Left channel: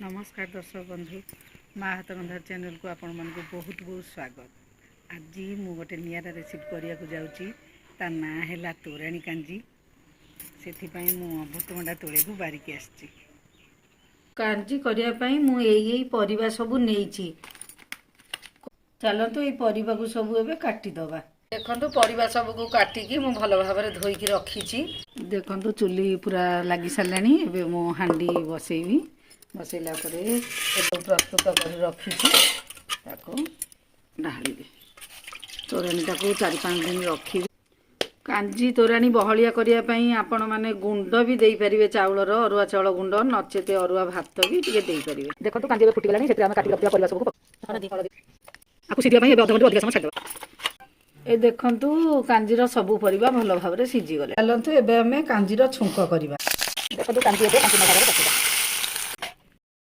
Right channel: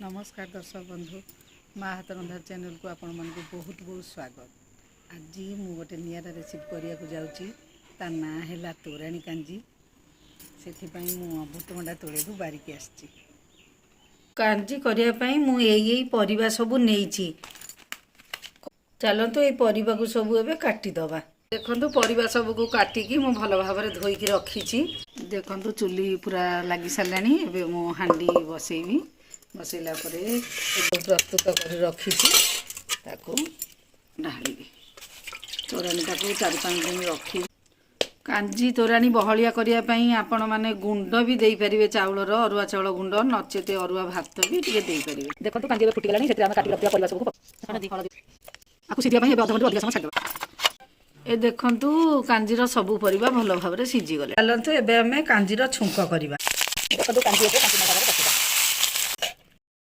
नमस्कार दर्शक बंधु माँ हाथ रंधा चैनल को आपण मन को बहुत बहुत स्वागत। आज मु गोटे नियारा रेसिपी करिया को जाउची ता ना हैला तोराणी कांजी। सेथि पई मु अमृतभंडा तोळे को बारिकी आछी। कांजी करिया पई मु एई परिबा सब नेइची। चलतो ए परिबा को सब एबे काटी दबा। देखंतु परिबा सब को काटी की मु भलो भाबरे धोई की रखीची। देखंतु चुली पूरा लागी सालानी। एबे मु हांडी बसेइबी। बसैला प्रस्तुत कर रखी ढाली तोराणी को 4-5 दिन रखी। कांजी तोराणी बहलिया करने आपण मैंने गुंड भी दे पारे चाउलर अरुआ चाउल गुंड नचेत अरुआ भात भी दे पारे। देखो कांजी फुटीगला काटी रखा परिवार सबको सीधा अध घंटे अधिक समय छाड़। ए देखंतु कांजीर सबू परिबा भल भाव में सीझी गले। चलतु एबे हमें कांजीर छुंक करवा। देखो कांजी